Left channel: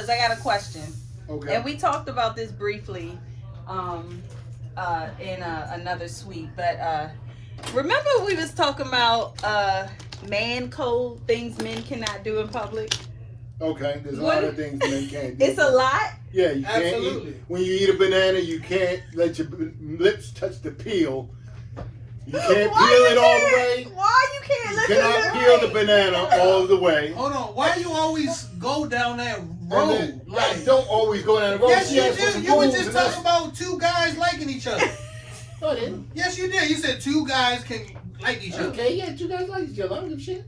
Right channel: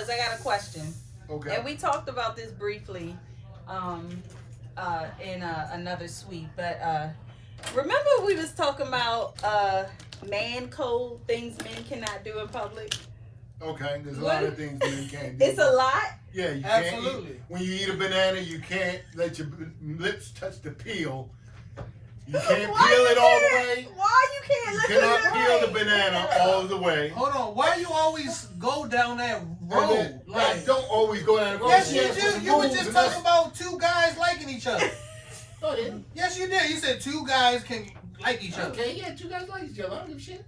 fellas, I got a question. Okay. And we talked about this briefly in another suite, but remember we was talking about man code, things men cannot do in public? Okay, there's a lot of things men can't do. It's a lot? Yeah, you can't Absolutely. eat. When you eat a banana, you can't let your lips touch the peel. You can't peel it all the way. Why you can't You let cannot it peel the banana all the way. Hold on. Why you always go down that road? Then, I don't always go down the road. Yes, She you asked for some did. You were rules just and talking about two guys liking each other. No, I didn't. Yes, you did. You said two guys can like each other. Okay, yeah, two guys like each other. I don't give a shit.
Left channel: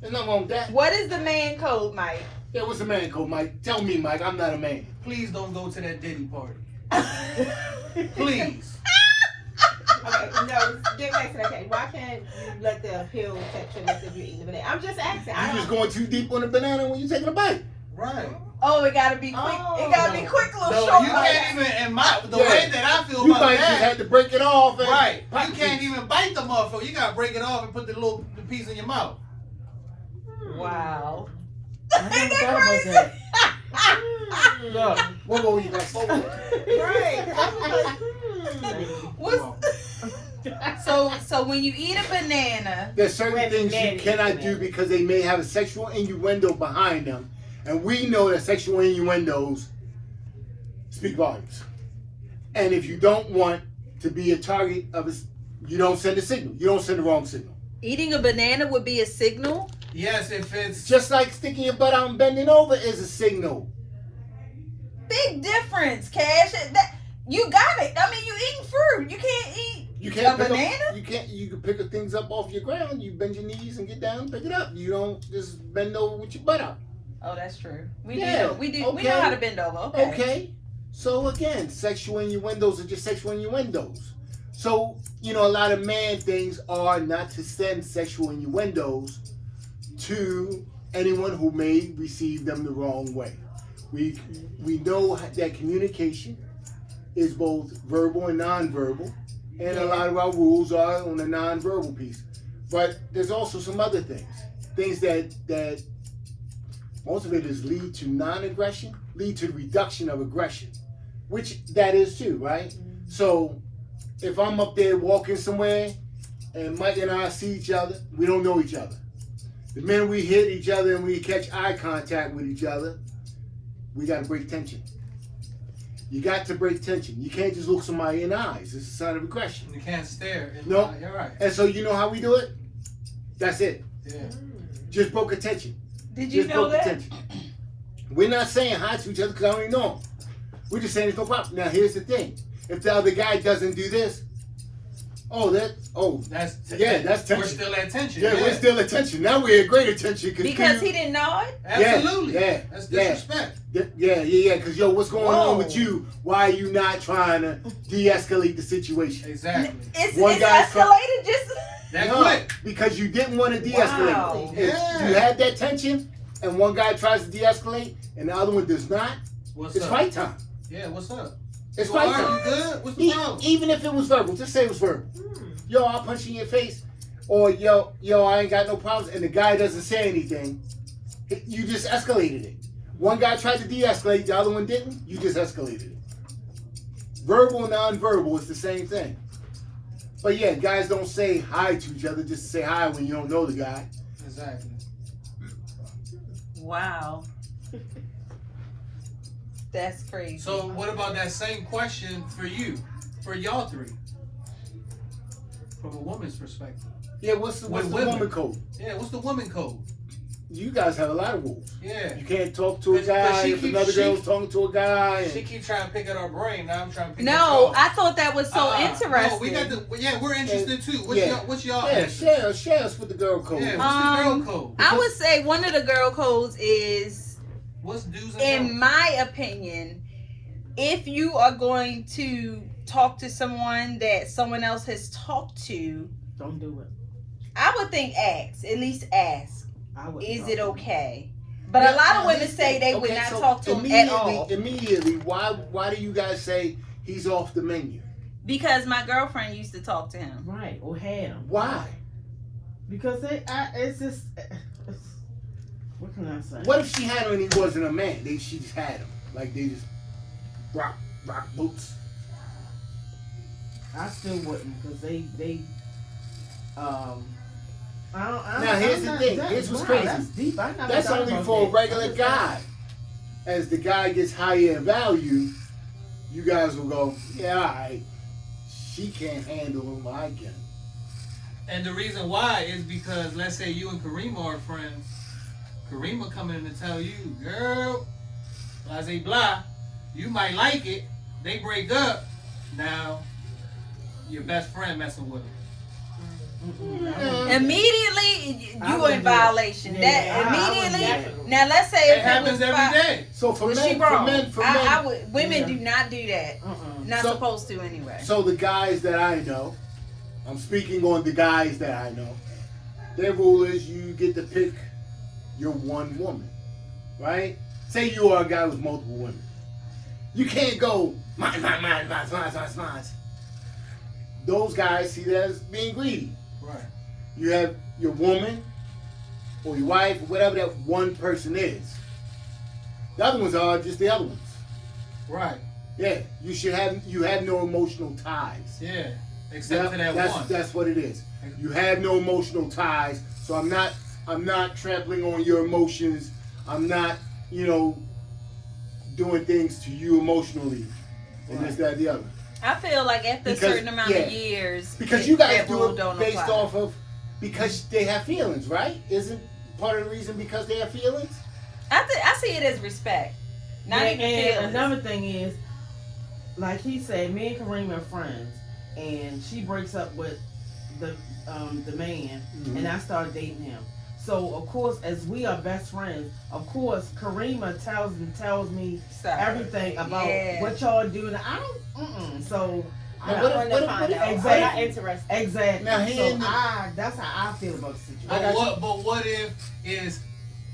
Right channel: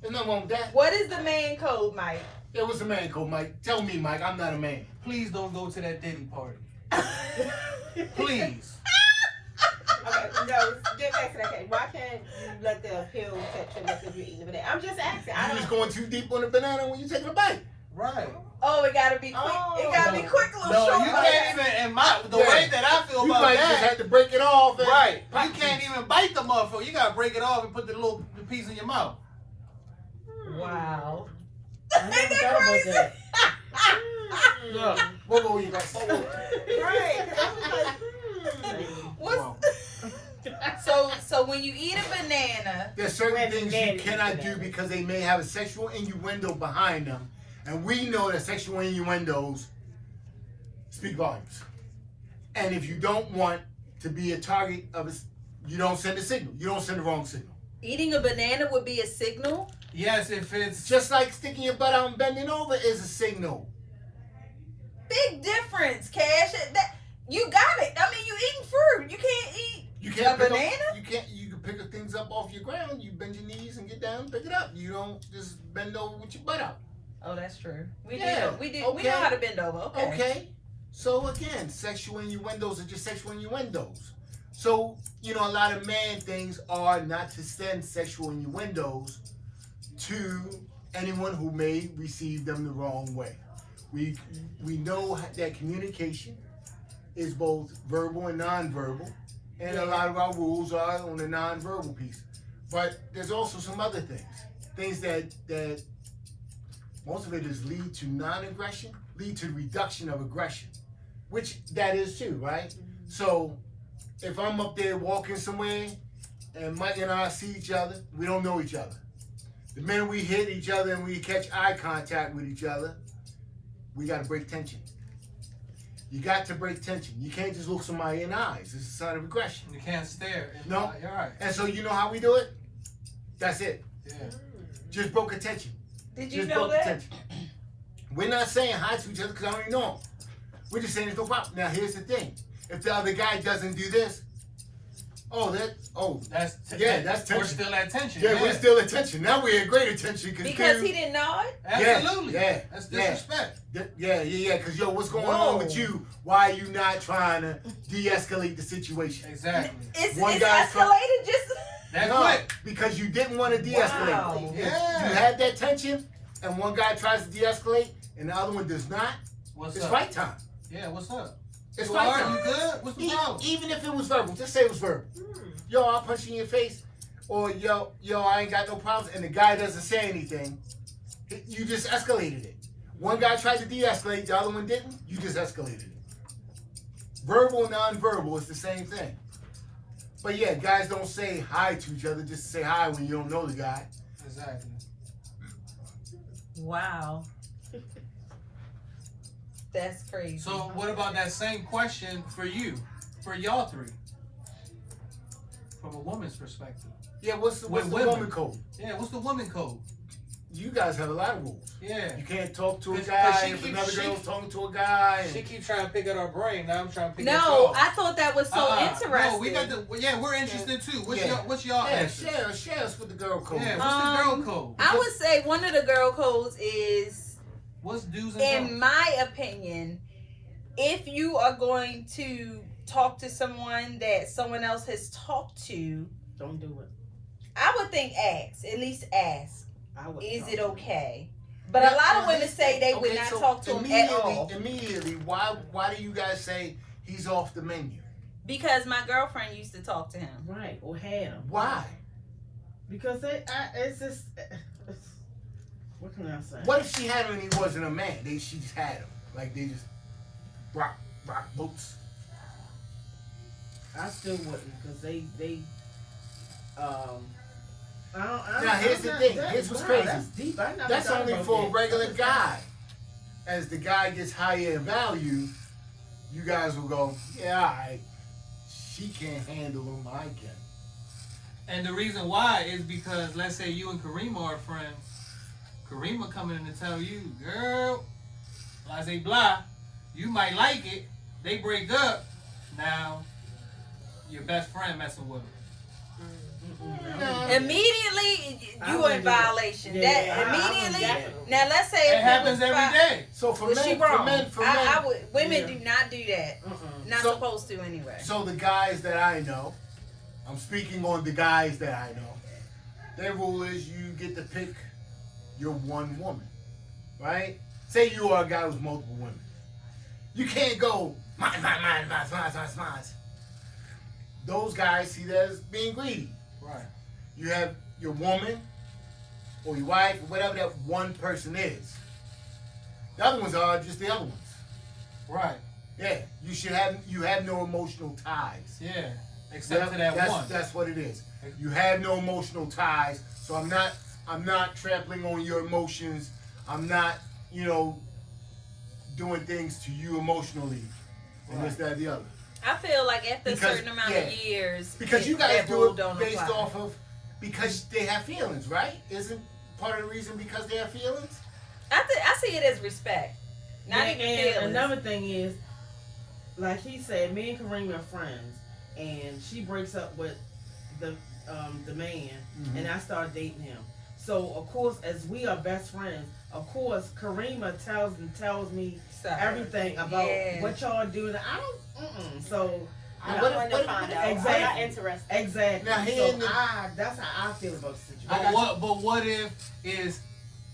There's nothing wrong with that. What is the man code, Mike? Yeah, what's a man code, Mike? Tell me, Mike. I'm not a man. Please don't go to that Diddy party. Please. Okay, no, get back to that case. Why can't you let the pill touch your lips if you're eating the banana? I'm just asking. You just going too deep on the banana when you're taking a bite. Right. Oh, it gotta be quick. It gotta be quick, little No, short. you can't even. And the Yeah. way that I feel You about might that, just have to break it off. And right? pop You can't even bite the motherfucker. You gotta break it off and put the piece in your mouth. Wow. I never thought about that. Look, Whoa, you got slow. Right, 'cause I was like, So when you eat a banana, There's certain Red things you banana. cannot do because they may have a sexual innuendo behind them. And we know that sexual innuendos speak volumes. And if you don't want to be a target of a, you don't send a signal. You don't send the wrong signal. eating a banana would be a signal. yes, if it's Just like sticking your butt out and bending over is a signal. Big difference, Cash. You got it. I mean, you eating fruit. You can't eat You can't a pick banana. up. You can't. You can pick up things up off your ground. You bend your knees and get down, and pick it up. You don't just bend over with your butt out. Oh, that's true. We Yeah, do. We do. We okay. know how to bend over. Okay. Okay. So again, sexual innuendos are just sexual innuendos. So a lot of man things are not to send sexual innuendos to anyone who may receive them the wrong way. We know that communication is both verbal and nonverbal, and a lot of our rules are on the nonverbal piece. But there's also some other things that motivators lead to non-aggression, lead to the reduction of aggression, which that is too, right? So if I'm up there walking somewhere and Mike and I see each other, we don't know each other. The minute we hit each other and we catch eye contact with each other, we got to break tension. You got to break tension. You can't just look somebody in the eyes. It's a sign of aggression. you can't stare. No. You're right. And so you know how we do it? That's it. Yeah. Just broke attention. Did you Just know broke that? attention. We're not saying hi to each other because I don't even know them. We're just saying it's no problem. Now here's the thing. If the other guy doesn't do this, That's tension. We're still at tension. Yeah, we're still at tension. Now we're at great attention Because he didn't know it. Absolutely. Yeah, That's yeah. disrespect. Yeah. Because what's going on with Whoa. you? Why are you not trying to de-escalate the situation? Exactly. It's One guy's escalated just. That's No, quick. because you didn't want to de-escalate. Wow. If Yeah. you had that tension, and one guy tries to de-escalate, and the other one does not, What's it's up? fight time. Yeah. What's up? It's So fight are time. you good? What's the problem? Even if it was verbal, just say it was verbal. Yo, I'll punch you in your face, or yo, I ain't got no problems, and the guy doesn't say anything. You just escalated it. One guy tried to de-escalate, the other one didn't. You just escalated it. Verbal and non-verbal is the same thing. But yeah, guys don't say hi to each other just to say hi when you don't know the guy. Exactly. Wow. That's crazy. So what about that same question for you, for y'all three, from a woman's perspective? Yeah, what's the With woman women. code? Yeah. What's the woman code? You guys have a lot of rules. Yeah. You can't talk to a 'Cause guy she if keep- another she- girl's talking to a guy. She And, keep trying to pick at our brain. Now I'm trying to pick at No, y'all. I thought that was so interesting. No, we got the. Yeah, we're interested too. What's Yeah. y'all? What's y'all? yeah, answer? share us with the girl code. Yeah. What's the girl code? I would say one of the girl codes is, What's do's and in don'ts? my opinion, if you are going to talk to someone that someone else has talked to, Don't do it. I would think ask. At least ask. I would. Is it okay? But Yeah, a lot of now women here's say the- they would okay, not so talk to him at all. Immediately, why do you guys say he's off the menu? Because my girlfriend used to talk to him. Right, or had them. Why? Because it's just. What can I say? What if she had him and he wasn't a man? She just had him. Like they just rock boats. I still wouldn't, because they Now, here's the thing. Here's what's crazy. That's deep. I never That's thought only about for a that. regular guy. As the guy gets higher in value, you guys will go, yeah, all right. She can't handle him, I can. And the reason why is because, let's say you and Karima are friends. Karima coming in to tell you, girl, blah, blah, blah, you might like it. They break up. Now, your best friend messing with her. Immediately, I you would in do it. violation. Yeah, That I would immediately. definitely. Now let's say It if happens was every day. So for She men, wrong. I would. Women Yeah. do not do that. Not So- supposed to anyway. So the guys that I know, I'm speaking on the guys that I know, their rule is you get to pick your one woman, right? Say you are a guy with multiple women. You can't go, mine. Those guys see that as being greedy. Right. You have your woman or your wife, whatever that one person is. The other ones are just the other ones. Right. Yeah, you have no emotional ties. Yeah. Except for that one. That's what it is. You have no emotional ties, so I'm not trampling on your emotions. I'm not, doing things to you emotionally, and this, that, the other. I feel like after Because- a certain amount of years, Because you guys that do rule it don't based apply. off of because they have feelings, right? Isn't part of the reason because they have feelings? I see it as respect, not Yeah, even and feelings. another thing is, like he said, me and Kareem are friends, and she breaks up with the man, Mhm. and I start dating him. So of course, as we are best friends, of course, Karima tells me Sorry. everything about Yeah. what y'all do, and I don't. So Now, I what want if- to what if- find what if- out. I'm exactly. not interested. exactly. Now, he in the- That's how I feel about the situation. I got But what if it's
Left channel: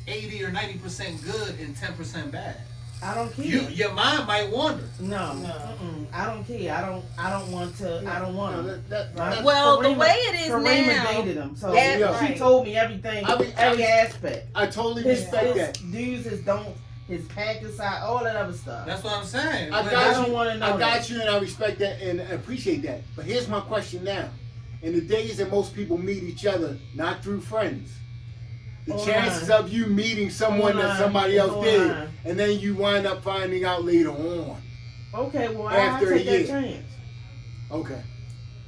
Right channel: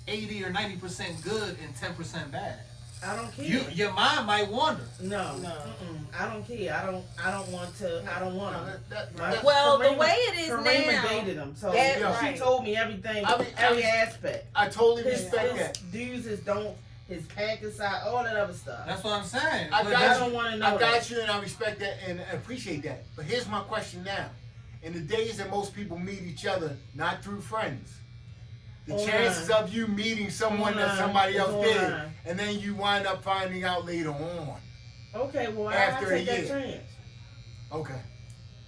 80 or 90% good and 10% bad? I don't care. Your mind might wander. No, No. I don't care. I don't want to. I don't want No, to. that- Well, the way it is Karima now, dated him, so Yeah, she right. told me everything, I every aspect. I totally His respect that. dudes, his don't, his package side, all that other stuff. That's what I'm saying. I But got don't you. wanna know I got that. you, and I respect that and appreciate that. But here's my question now: in the days that most people meet each other, not through friends, the Hold chances on. of you meeting someone Hold that on. somebody else Hold did, on. and then you wind up finding out later on. Okay, well, After I a take that year. chance. Okay.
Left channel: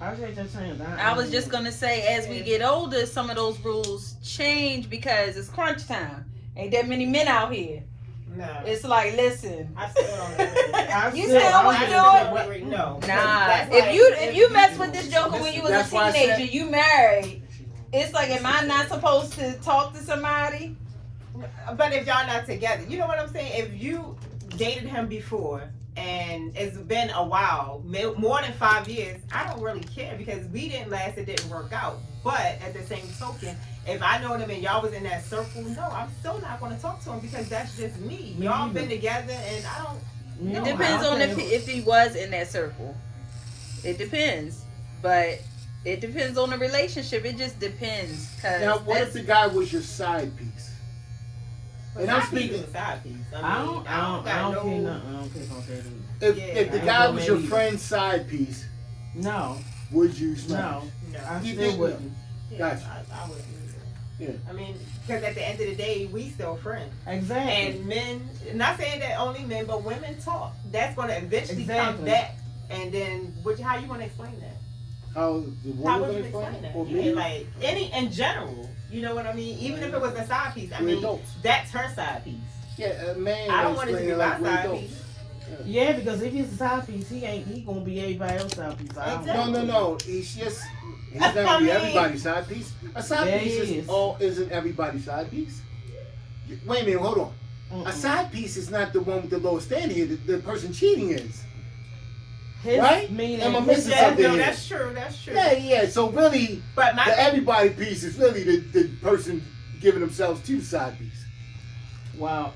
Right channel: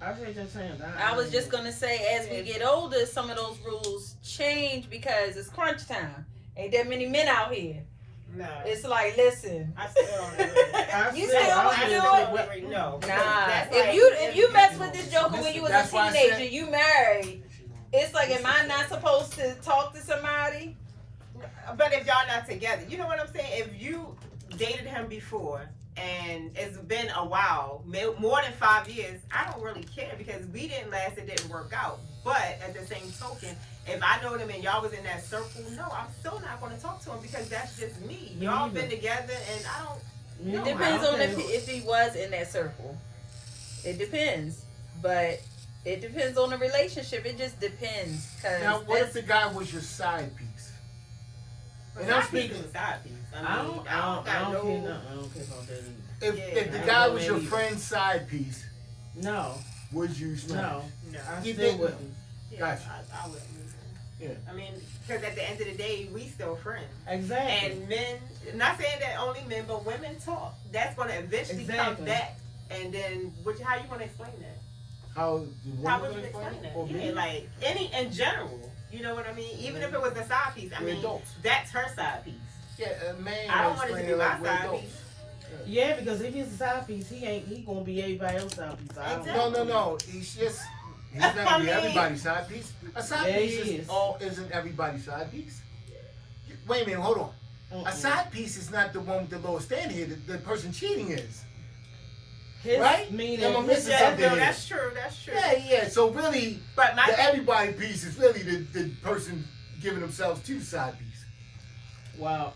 I take that chance. I was just gonna say, as we get older, some of those rules change because it's crunch time. Ain't that many men out here. No. It's like, listen, I still don't agree. You still I would still do don't it? agree. No. nah. That's If you mess with this joker when you was That's a why I teenager, said- you married. It's like, am I not supposed to talk to somebody? But if y'all not together, you know what I'm saying? If you dated him before and it's been a while, more than 5 years, I don't really care because we didn't last, it didn't work out. But at the same token, if I know him and y'all was in that circle, no, I'm still not going to talk to him because that's just me. Y'all been together and I don't. It No, depends I on don't if he was in that circle. It depends, but it depends on the relationship. It just depends. 'Cause Now, what if that's- the guy was your side piece? And I'm speaking. Side piece. I don't care nothing. I don't care about that. If the Yeah, guy I was don't your either. friend's side piece, No, would you smash? no, No. I You still didn't. wouldn't. Gotcha. I wouldn't either. Yeah. I mean, because at the end of the day, we still friends. Exactly. And men, not saying that only men, but women talk. That's going to eventually come Exactly. back. And then, how you want to explain that? How the How woman would gonna you explain explain it? that? Or Yeah, me? like, in general. You know what I mean? Even if it was a side piece. I We're mean, adults. that's her side piece. Yeah, a man I don't will want it to explain be it my like we're side adults. piece. Yeah, because if he's a side piece, he gonna be everybody else's side piece. I don't Exactly. No. He's not gonna be everybody's side piece. A side Yeah, piece he is. isn't everybody's side piece. Wait a minute, hold on. A Mm-mm. side piece is not the one with the lowest standard here. The person cheating is. His Right? meaning- Am I missing Yeah, something no, here? that's true. That's true. Yeah. So really, But my the everybody piece is really the person giving themselves to the side piece. Wow.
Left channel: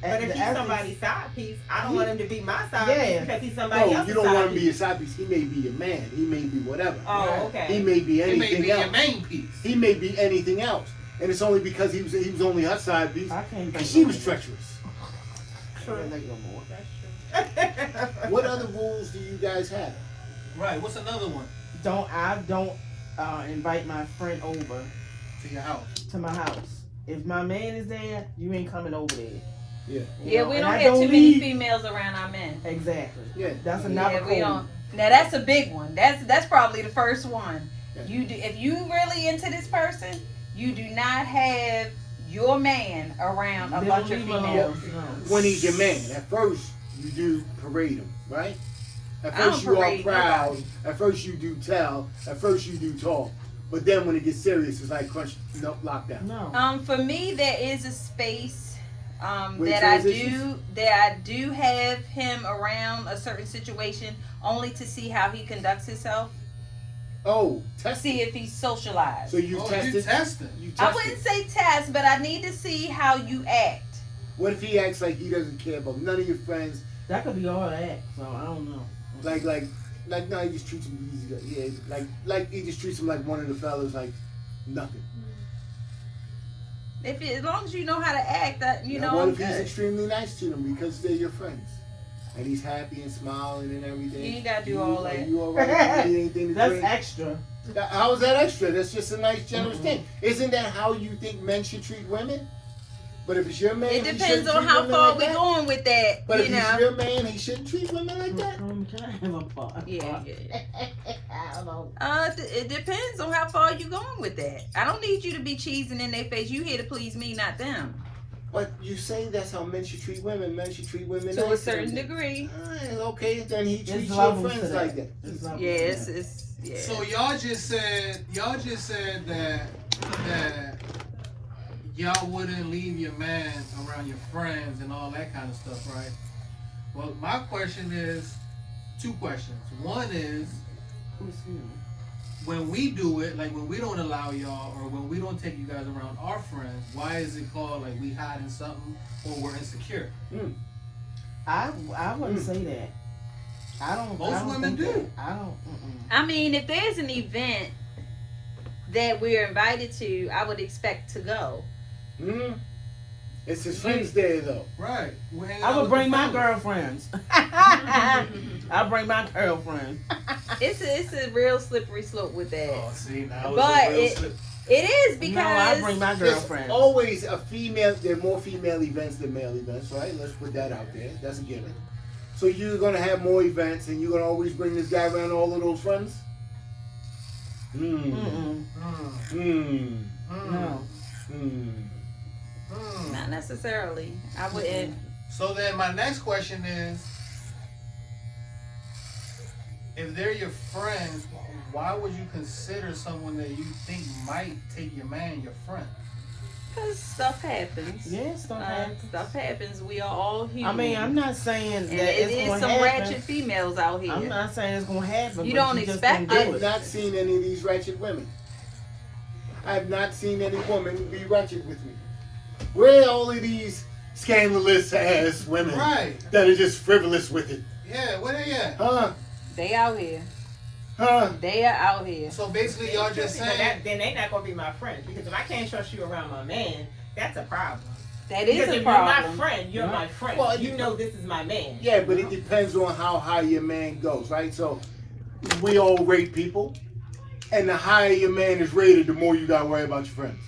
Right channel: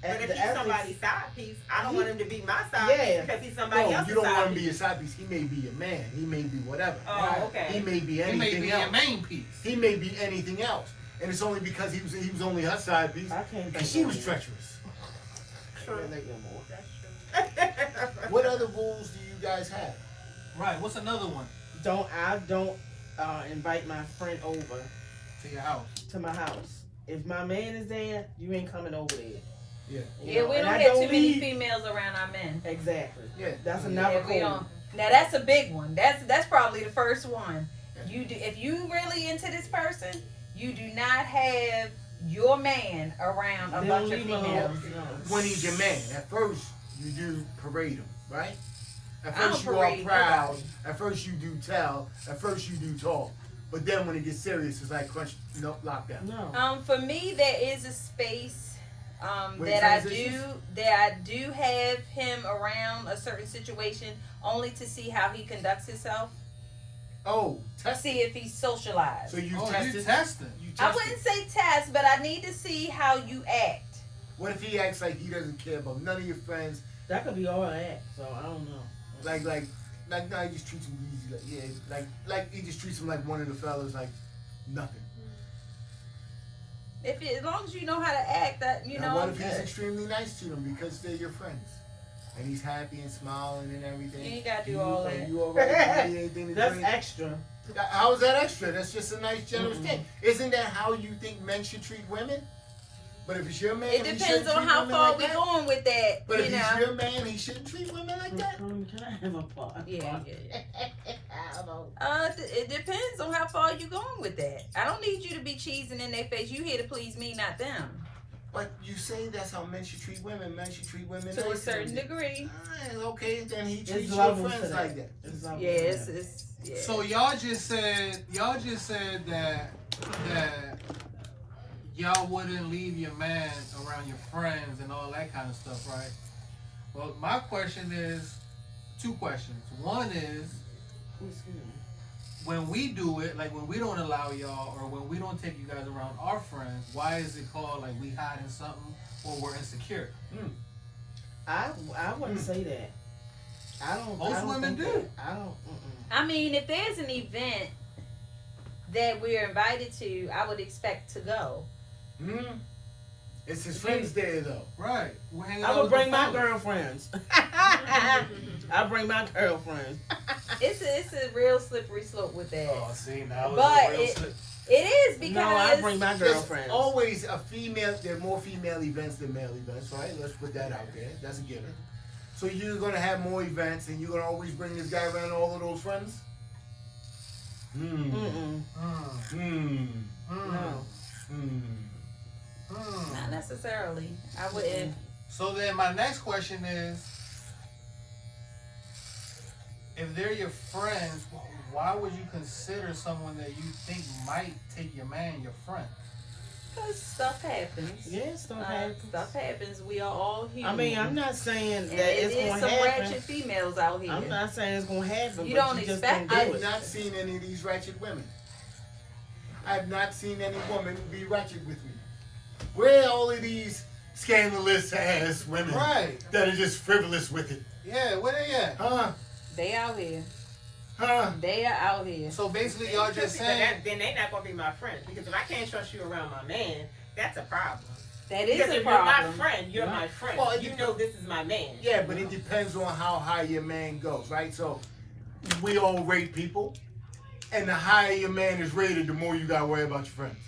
But if he's somebody's side piece, I don't want him to be my side Yeah. piece because he's somebody No, else's you don't side want him to be a piece. side piece. He may be a man. He may be whatever. Oh, okay. He may be It may anything be else. your main piece. He may be anything else. and it's only because he was only her side piece, I can't because she was treacherous. True. Like no more. What other rules do you guys have? Right. What's another one? Don't invite my friend over To your house. to my house. If my man is there, you ain't coming over there. Yeah. You Yeah, know, we and don't I have too many leave- females around our men. Exactly. Yeah. That's another Yeah, we code. don't. Now that's a big one. That's probably the first one. Yeah. You do if you really into this person, you do not have your man around a They bunch don't of leave him females. alone. No. When he's your man, at first you do parade him, right? At I first don't you are parade proud. nobody. At first you do tell. At first you do talk. But then when it gets serious, it's like crunch, nope, lockdown. No. For me, there is a space Wait, that transitions? I do have him around a certain situation only to see how he conducts himself, Oh, test see it. if he's socialized. So you Oh, tested. you testing. You I tested. wouldn't say test, but I need to see how you act. What if he acts like he doesn't care about none of your friends? That could be all that. So I don't know. Like no, he just treats him easy. Like he just treats him like one of the fellas, like nothing. As long as you know how to act, that you Now, know. what if he's extremely nice to them because they're your friends, and he's happy and smiling and everything? You ain't gotta do You- all Are that. you all right? You need anything to That's drink? extra. How is that extra? That's just a nice, generous Mm-mm. thing. Isn't that how you think men should treat women? But if it's your man, It he depends shouldn't on treat how women far like we're that. going with that. But if you he's know. your man, he shouldn't treat women like that. Can I have a part? Yeah. I don't know. It depends on how far you going with that. I don't need you to be cheesing in their face. You here to please me, not them. But you say that's how men should treat women. Men should treat women To a nice. certain degree. Okay, then he treats your levels friends to like that. that. There's levels Yeah, to it's, that. it's yeah. So y'all just said that y'all wouldn't leave your man around your friends and all that kind of stuff, right? Well, my question is two questions. One is when we do it, like when we don't allow y'all or when we don't take you guys around our friends, why is it called like we hiding something or we're insecure? I wouldn't say that. I don't. Most I don't women think do. that. I don't. I mean, if there's an event that we're invited to, I would expect to go. It's his friends there though. Right. We're hanging I out would with bring the my fellas. girlfriends. I bring my girlfriend. It's a real slippery slope with that. Oh, see, now But it's a real it- slip. It is No, I because bring my There's girlfriend. always a female. There are more female events than male events, right? Let's put that out there. That's a given. So you're gonna have more events, and you're gonna always bring this guy around all of those friends. Mm-mm. No. not necessarily. I wouldn't. So then my next question is, if they're your friends, why would you consider someone that you think might take your man your friend? Because stuff happens. Yeah, stuff happens. Stuff happens. We are all human. I mean, I'm not saying and that it it's is going some to happen. ratchet females out here. I'm not saying it's going to happen. You but don't you just expect don't I've do it. not seen any of these ratchet women. I have not seen any woman be ratchet with me. Where are all of these scandalous ass women Right. that are just frivolous with it? Yeah, where they at? Huh? They out here. Huh? They are out here. So basically, y'all just So saying, then they not gonna be my friends because if I can't trust you around my man, that's a problem. That is Because a if you're my problem. friend, you're my friend. Well, you know this is my man. Yeah, but it depends on how high your man goes, right? So we all rate people, and the higher your man is rated, the more you gotta worry about your friends.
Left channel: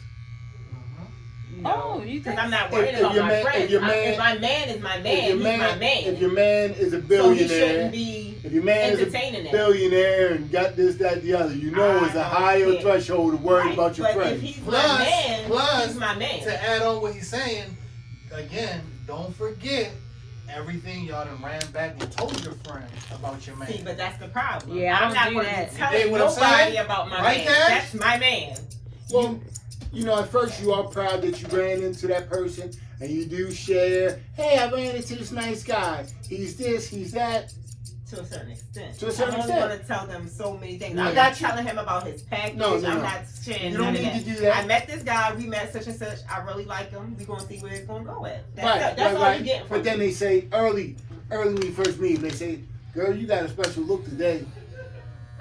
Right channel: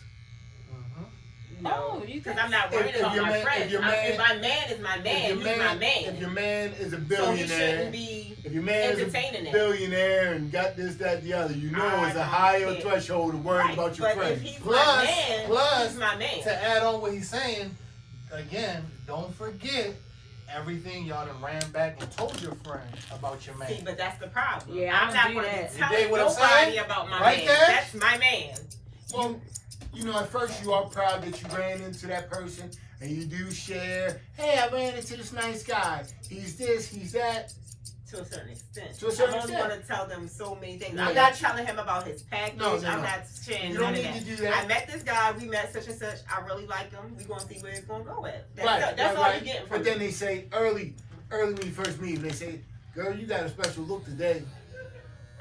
No, Oh, you because can- I'm not If- worried if about your my man- friends. if your If man- my man is my man, If your he's man, my man. if your man is a so he billionaire, shouldn't be if your man is a entertaining that. billionaire and got this, that, the other, you know I it's a don't higher care. threshold to worry Right, about your but friends. if he's Plus- my man, plus- he's my man. to add on what he's saying, again, don't forget everything y'all done ran back and told your friend about your man. See, but that's the problem. Yeah, I I'm don't not do going that. to You tell dig what I'm nobody saying? about my Right, man. Cash? That's my man. Well, you know, at first you are proud that you ran into that person and you do share, hey, I ran into this nice guy. He's this, he's that. To a certain extent. To a certain I'm extent. only going to tell them so many things. No, I'm you- not telling him about his package. No, no, I'm no. not sharing You don't none of need to that. do that. I met this guy. We met such and such. I really like him. We're going to see where it's going to go at. That's, Right, that's all right. you get from But then they say early when you first meet, they say, girl, you got a special look today.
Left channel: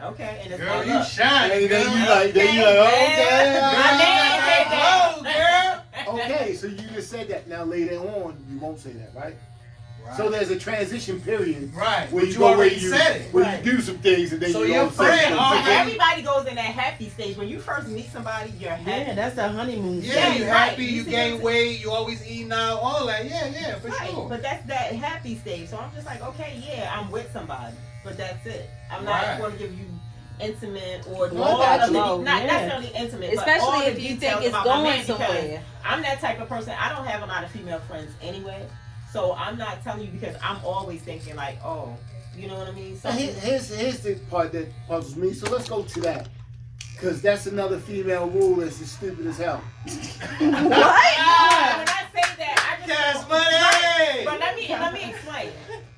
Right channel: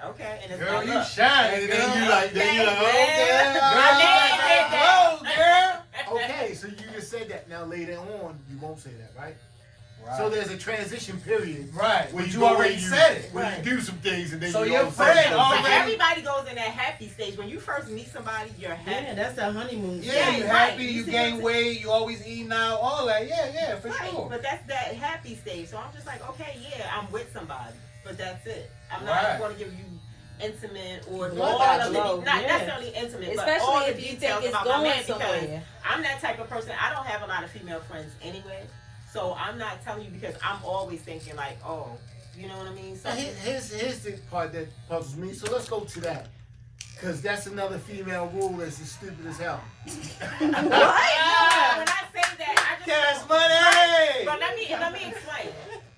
Okay, and it's Girl, my you luck. shine. And then you girl. like, okay. Oh, girl. Okay, so you just said that. Now later on, you won't say that, right? Right. So there's a transition period Right. where But you go where already you said it. where Right. you do some things and then So you your don't say friend something. already- Everybody goes in that happy stage. When you first meet somebody, you're happy. Yeah, that's the honeymoon. Yeah, stage. you right. happy, You you see gain what I'm weight, you always eating out, all that. Yeah, for Right, sure. but that's that happy stage. So I'm just like, okay, yeah, I'm with somebody, but that's it. I'm Right. not going to give you intimate or No, I more got of the, you. not Yeah. necessarily intimate, but all Especially the if you details think it's about my going man, because somewhere. I'm that type of person. I don't have a lot of female friends anyway, so I'm not telling you because I'm always thinking like, oh, you know what I mean? Now, here's the part that puzzles me. So let's go to that, because that's another female rule that's as stupid as hell. When I say that, I just Cash don't- money! Right. But let me explain.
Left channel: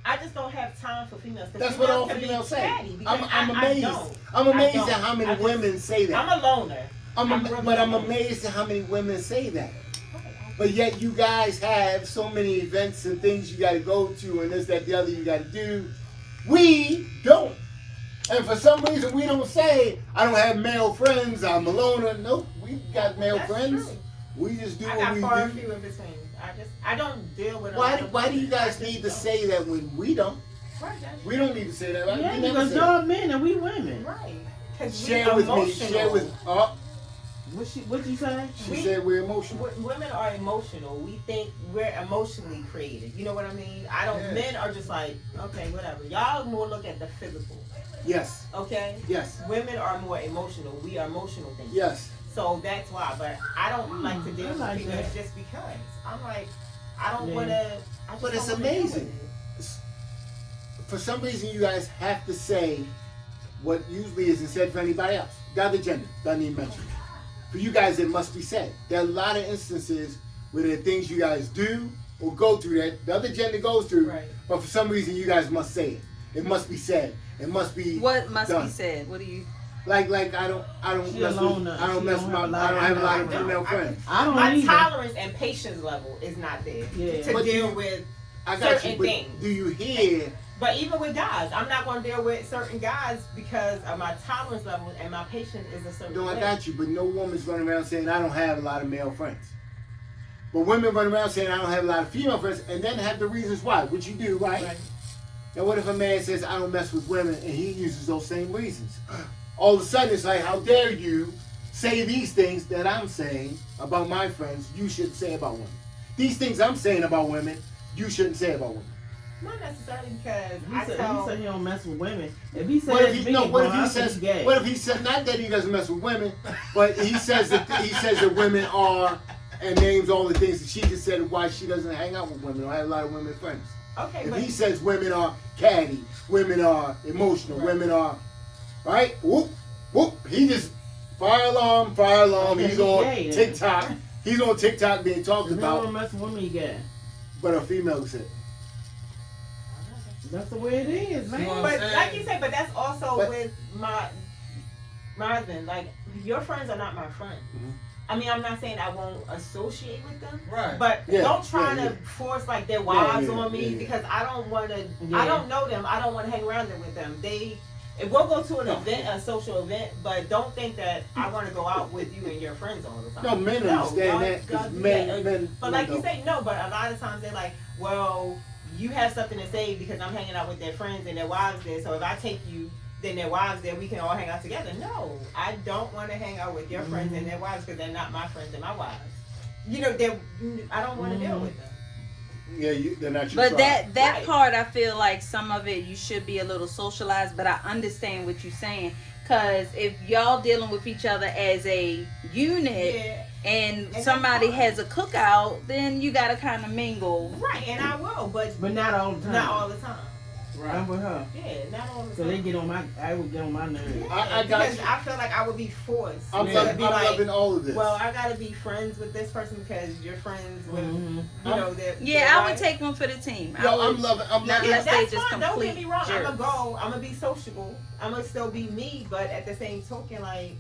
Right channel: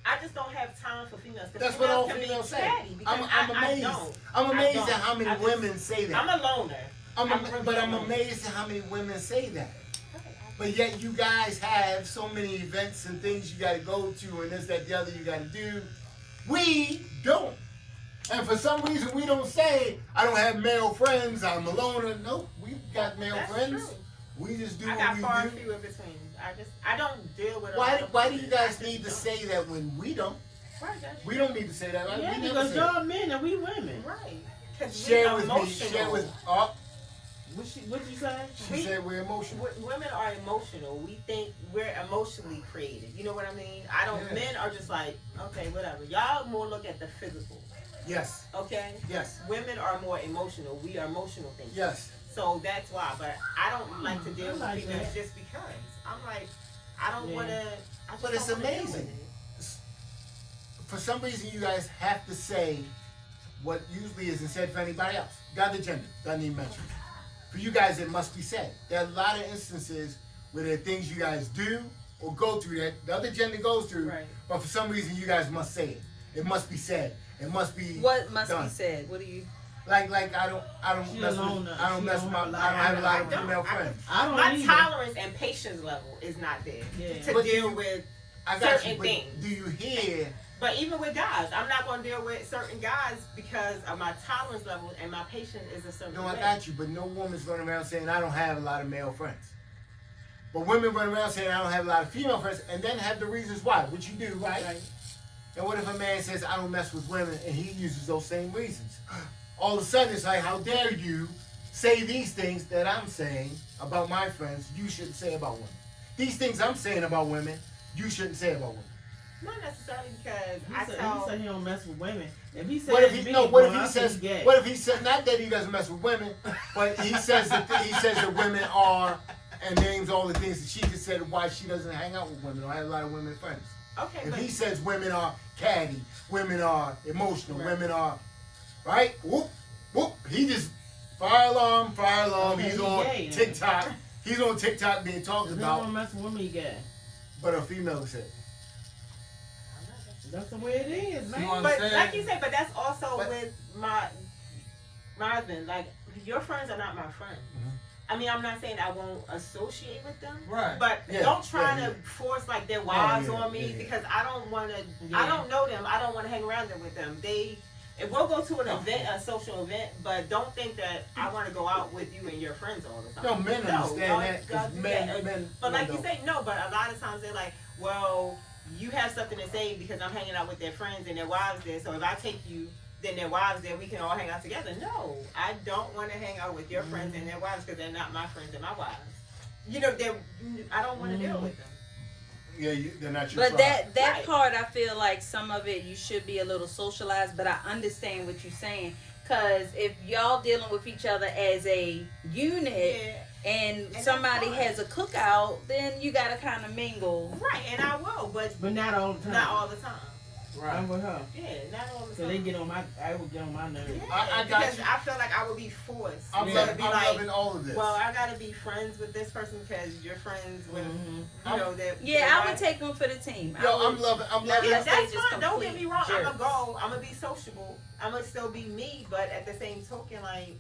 I just don't have time for females. 'Cause That's what all can be females say. catty because I'm I amazed. don't. I'm amazed I don't. at how many I just- women say that. I'm a loner. I'm really amazed at how many women say that. But yet you guys have so many events and things you got to go to and this, that, the other you got to do. We don't. And for some reason we don't say, I don't have male friends, I'm a loner. Nope, we got male That's friends. true. We just do I what got we far and do. few in between. I don't deal with. a Why lot of do you women. guys I need to just say that when we don't? don't. Right, that's We don't need to say that. Right? Yeah, We never because say y'all that. men and we women. right. 'Cause we Share with me. emotional. Share with. Oh, What you say? she said we're emotional. Women are emotional. We think we're emotionally created. You know what I mean? I don't. Yeah. Men are just like, okay, whatever. Y'all more look at the physical. Yes. Okay. Yes. Women are more emotional. We are emotional things. Yes. So that's why. But I don't like to deal I with like females that. just because. I'm like, I don't Yeah. want to. But it's amazing. For some reason, you guys have to say what usually isn't said for anybody else. The other gender doesn't even mention it. For you guys, it must be said. There are a lot of instances where there are things you guys do or go through that the other gender goes through, Right. but for some reason, you guys must say it. It must be said. It must be What must done. be said? What do you? Like I don't She mess with alone, I don't she mess don't with have a lot I don't have a lot of I female don't. friends. I don't My either. tolerance and patience level is not there Yeah. to But deal you- with. I got you. certain But things. do you hear? But even with guys, I'm not going to deal with certain guys because of my tolerance level and my patience is a certain. No, I way. got you. But no woman's running around saying I don't have a lot of male friends. But women run around saying I don't have a lot of female friends, and then have the reasons why, which you do, right? Right. And what if a man says I don't mess with women, and he uses those same reasons? All of a sudden, it's like, how dare you say these things that I'm saying about my friends? You shouldn't say about women. These things I'm saying about women, you shouldn't say about women. Not necessarily because He I said, tell. he said he don't mess with women. If he said What if he me, no? What if well, he I think says? he gay. What if he said not that he doesn't mess with women, but he says that women are and names all the things that she just said why she doesn't hang out with women or have a lot of women friends. Okay, If but he says women are catty, women are emotional, Right. women are right, whoop whoop, he just fire alarm. Okay, He's on gay, then. TikTok. He's on TikTok being talked If he about, don't mess with women, he gay. but a female said. That's the way it is, man. You want- but like you said, but that's also But- with my husband. Like your friends are not my friends. Mhm. I mean, I'm not saying I won't associate with them, Right. but Yeah, don't try yeah, to force like their wives yeah, on me yeah. because I don't want to. Yeah. I don't know them. I don't want to hang around them with them. If we'll go to an No. event, a social event, but don't think that I want to go out with you and your friends all the time. No, men No, understand don't- that because don't do men. that. But like you don't. say, no. But a lot of times they're like, well, you have something to say because I'm hanging out with their friends and their wives there. So if I take you, then their wives there, we can all hang out together. No, I don't want to hang out with your friends and their wives because they're not my friends and my wives. You know, I don't want to deal with them. Yeah, they're not your But tribe. that Right. part, I feel like some of it you should be a little socialized. But I understand what you're saying, because if y'all dealing with each other as a unit Yeah, and that's somebody fine. has a cookout, then you gotta kind of mingle. right. And I will, but But not all the time. not all the time. I'm with her. Yeah, not all the So time. they get on my, I would get on my nerves. I got because you. I feel like I would be forced. I'm, to loving, be I'm like, loving all of this. well, I gotta be friends with this person because you're friends with, Mm-hmm. you know, that. Yeah, I would take them for the team. Yo, I would- I'm loving. I'm Now, loving. let's say That's just fine. Don't get complete me wrong. I'm jerks. gonna go. I'm gonna be sociable. I'm gonna still be me, but at the same token, like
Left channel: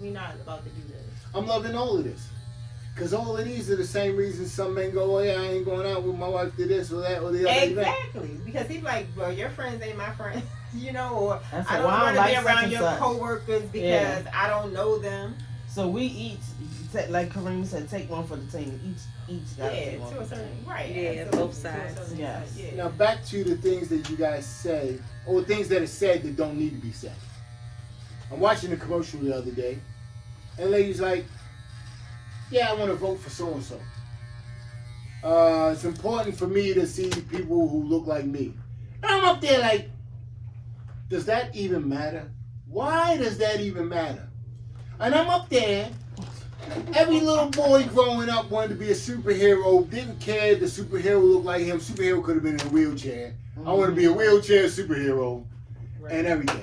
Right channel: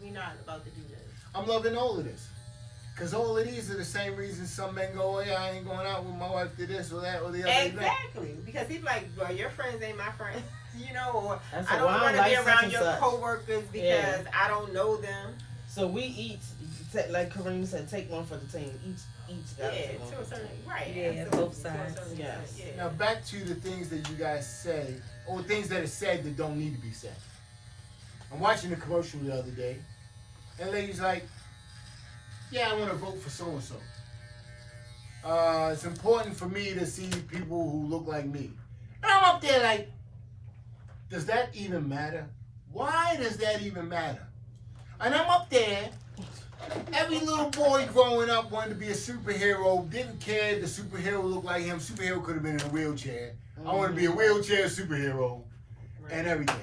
we not about to do this. I'm loving all of this. Because all of these are the same reasons some men go, oh yeah, I ain't going out with my wife to this or that or the other event. Exactly. Because he's like, well, your friends ain't my friends. You know, or That's I a don't wild want to like be such around and your such. coworkers because Yeah. I don't know them. So we each, like Kareem said, take one for the team. Each got Yeah, to take one to a for the certain team. right. Yeah, absolutely, both to a sides. certain Yes. extent, yeah. Now back to the things that you guys say, or things that are said that don't need to be said. I'm watching a commercial the other day, and lady's like, yeah, I want to vote for so-and-so. It's important for me to see people who look like me. And I'm up there like, does that even matter? Why does that even matter? And I'm up there, every little boy growing up wanted to be a superhero, didn't care if the superhero looked like him. Superhero could have been in a wheelchair. I want to be a wheelchair superhero and everything.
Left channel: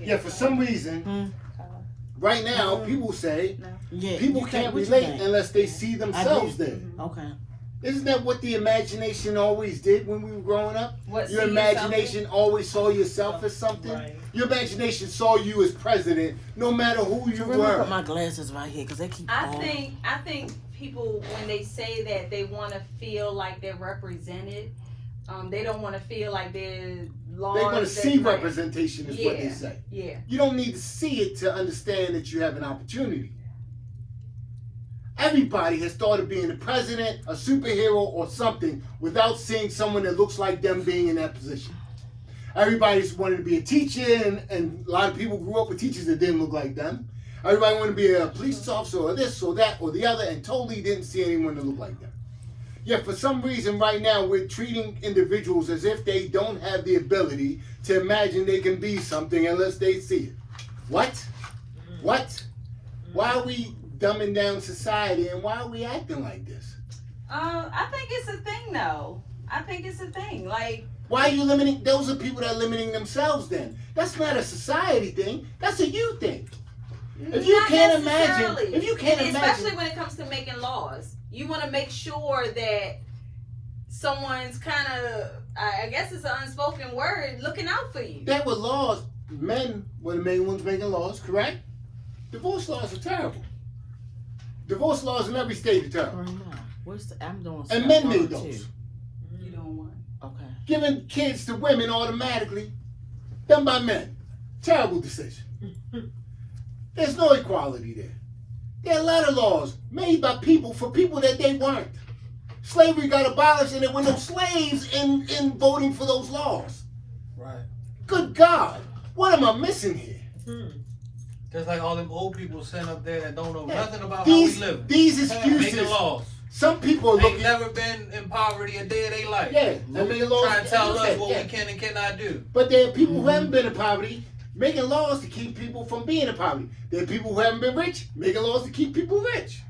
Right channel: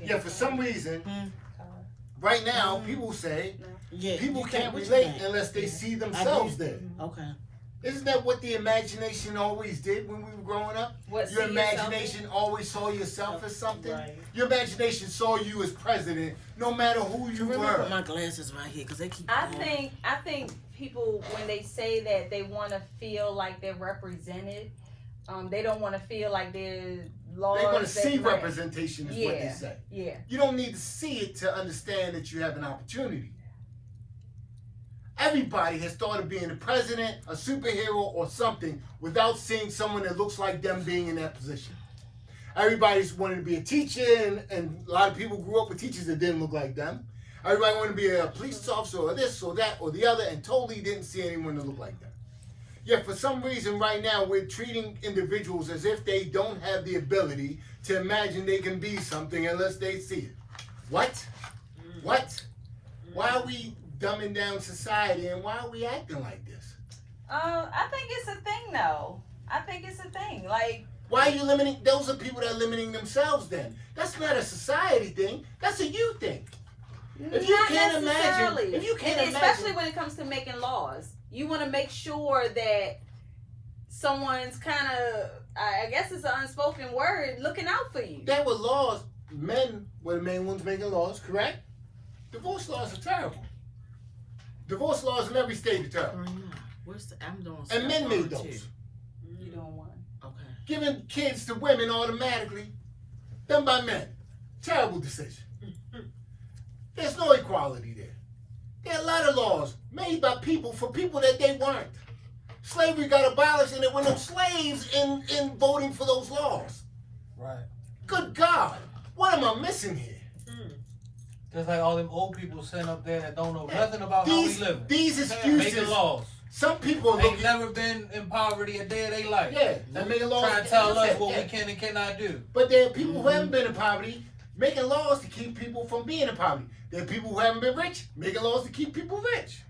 Yeah, for some reason, right now, people say Yeah, people you can't what you relate think? unless they see themselves there. Okay. Isn't that what the imagination always did when we were growing up? What, Your see imagination always saw yourself as something. Right. Your imagination saw you as president, no matter who you Let me put were. my glasses right here because they keep. I falling. think people, when they say that they want to feel like they're represented, they don't want to feel like they're laws. They want to that see grant- representation, is what they Yeah. say. Yeah. You don't need to see it to understand that you have an opportunity. Everybody has thought of being a president, a superhero, or something without seeing someone that looks like them being in that position. Everybody's wanted to be a teacher, and a lot of people grew up with teachers that didn't look like them. Everybody wanted to be a police officer or this or that or the other, and totally didn't see anyone that looked like them. Yet for some reason right now we're treating individuals as if they don't have the ability to imagine they can be something unless they see it. What? What? Why are we dumbing down society, and why are we acting like this? I think it's a thing though. I think it's a thing. Like, Why are you limiting? Those are people that are limiting themselves then. That's not a society thing. That's a you thing. If you not can't imagine, necessarily. if you can't And especially imagine, when it comes to making laws, you want to make sure that someone's kind of, I guess it's an unspoken word, looking out for you. there were laws. Men were the main ones making laws, correct? Divorce laws are terrible. Divorce laws in every state are terrible. Right now, where's the? I'm doing. And step men one made or those. two. You don't want. Okay. Giving kids to women automatically, done by men. Terrible decision. There's no equality there. There are a lot of laws made by people for people that they weren't. Slavery got abolished and there were no slaves in voting for those laws. Right. Good God, what am I missing here? Just like all them old people sitting up there that don't know Yeah. nothing about These how we live. these Making excuses, laws. some people are Ain't looking, never been in poverty a day of their life. yeah, they making laws. Trying to tell us yeah, what yeah. we can and cannot do. But there are people who haven't been in poverty making laws to keep people from being in poverty. There are people who haven't been rich making laws to keep people rich.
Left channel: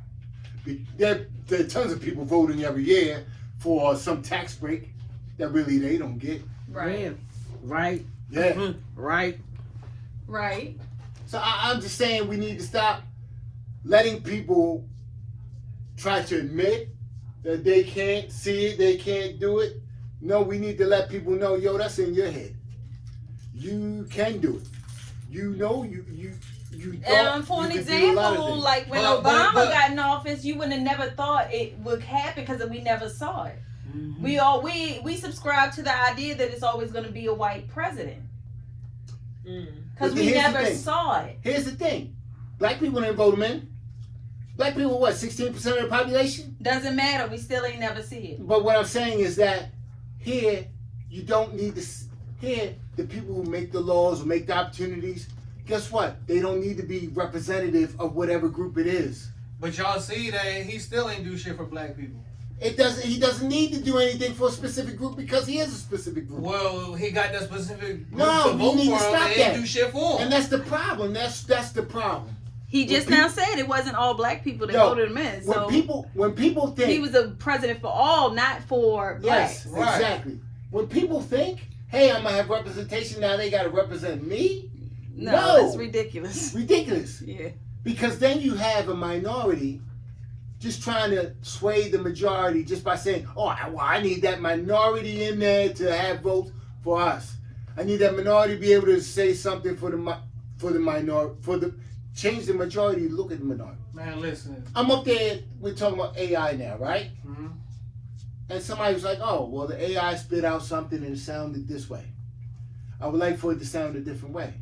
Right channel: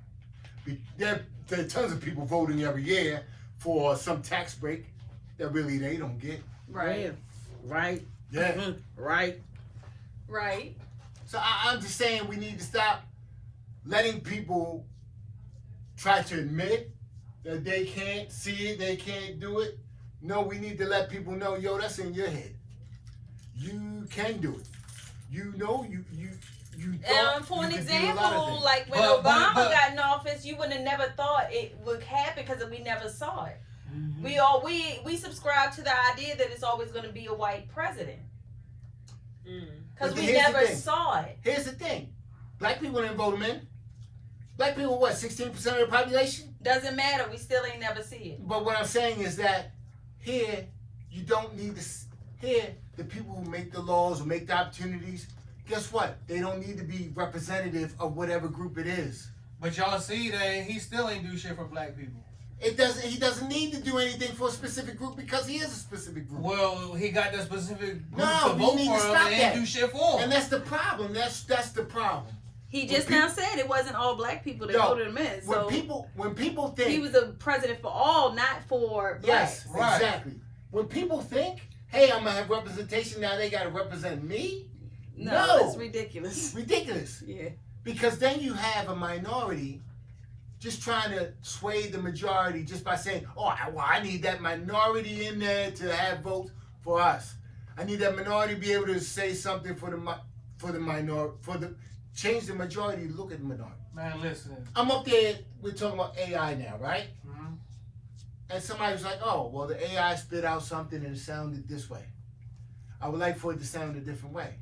There are tons of people voting every year for some tax break that really they don't get. Right. Yeah. Right. Yeah. Right. Right. So I'm just saying we need to stop letting people try to admit that they can't see it, they can't do it. No, we need to let people know, yo, that's in your head. You can do it. You know, you And for an you can do a lot of example, things. like when But- Obama got in office, you would have never thought it would happen because we never saw it. Mm-hmm. We subscribe to the idea that it's always going to be a white president But because we here's the never thing. saw it. Here's the thing. Black people didn't vote him in. Black people, what, 16% of the population? Doesn't matter. We still ain't never see it. But what I'm saying is that here, you don't need to, here, the people who make the laws, who make the opportunities, guess what? They don't need to be representative of whatever group it is. But y'all see that he still ain't do shit for black people. He doesn't need to do anything for a specific group because he is a specific group. Well, he got that specific group No, to we vote need for to him stop and that. ain't do shit for him. And that's the problem. That's the problem. He just When now said it wasn't all black people that Yo, voted him in. So When people think he was a president for all, not for yes, Right. exactly. When people think, hey, I'm gonna have representation now, they gotta represent me. blacks. No. That's ridiculous. Ridiculous. Yeah. Because then you have a minority just trying to sway the majority just by saying, oh, I need that minority in there to have votes for us. I need that minority to be able to say something for the minority, change the majority, look at the minority. Man, listen. I'm up there. We're talking about AI now, right? Mm-hmm. And somebody was like, "Oh, well, the AI spit out something and it sounded this way. I would like for it to sound a different way."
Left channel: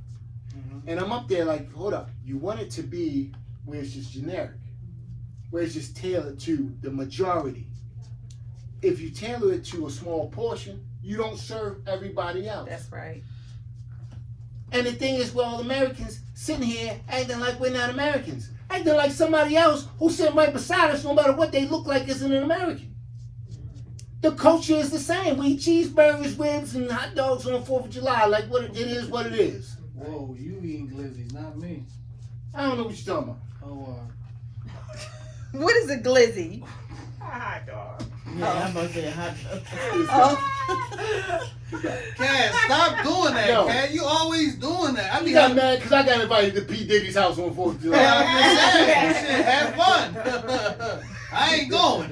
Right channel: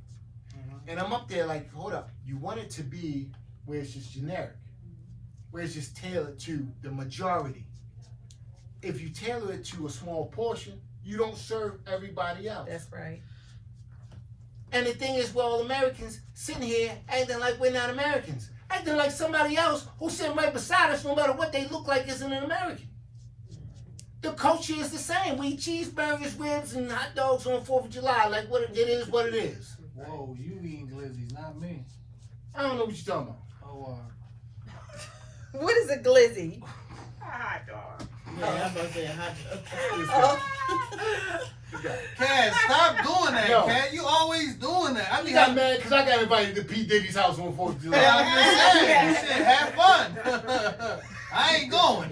Mm-hmm. And I'm up there like, "Hold up. You want it to be where it's just generic, where it's just tailored to the majority. If you tailor it to a small portion, you don't serve everybody else." That's right. And the thing is, well, Americans sitting here acting like we're not Americans, acting like somebody else who's sitting right beside us, no matter what they look like, isn't an American. The culture is the same. We eat cheeseburgers, ribs, and hot dogs on 4th of July. Like, what it is, what it is. Whoa, you eating glizzies, not me. I don't know what you're talking about. Oh, What is a glizzy? Hot dog. Yeah, I'm about to say hot dog. Cat, stop doing that, Yo. Cat. You always doing that. I You mean, got mad because I got invited to P. Diddy's house on 4th of July. yeah, I'm just saying, shit, have fun. I ain't going.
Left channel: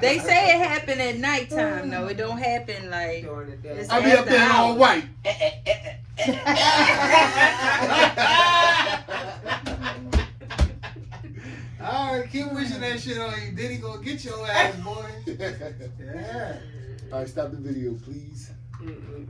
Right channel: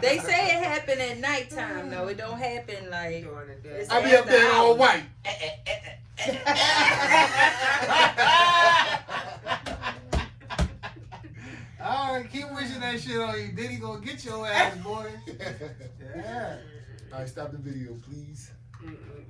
They say it happened at nighttime though. It don't happen like. During the day. I be up there in all white. Alright, keep wishing that shit on you. Diddy gonna get your ass, boy. Yeah. All right, stop the video, please. Mm-mm.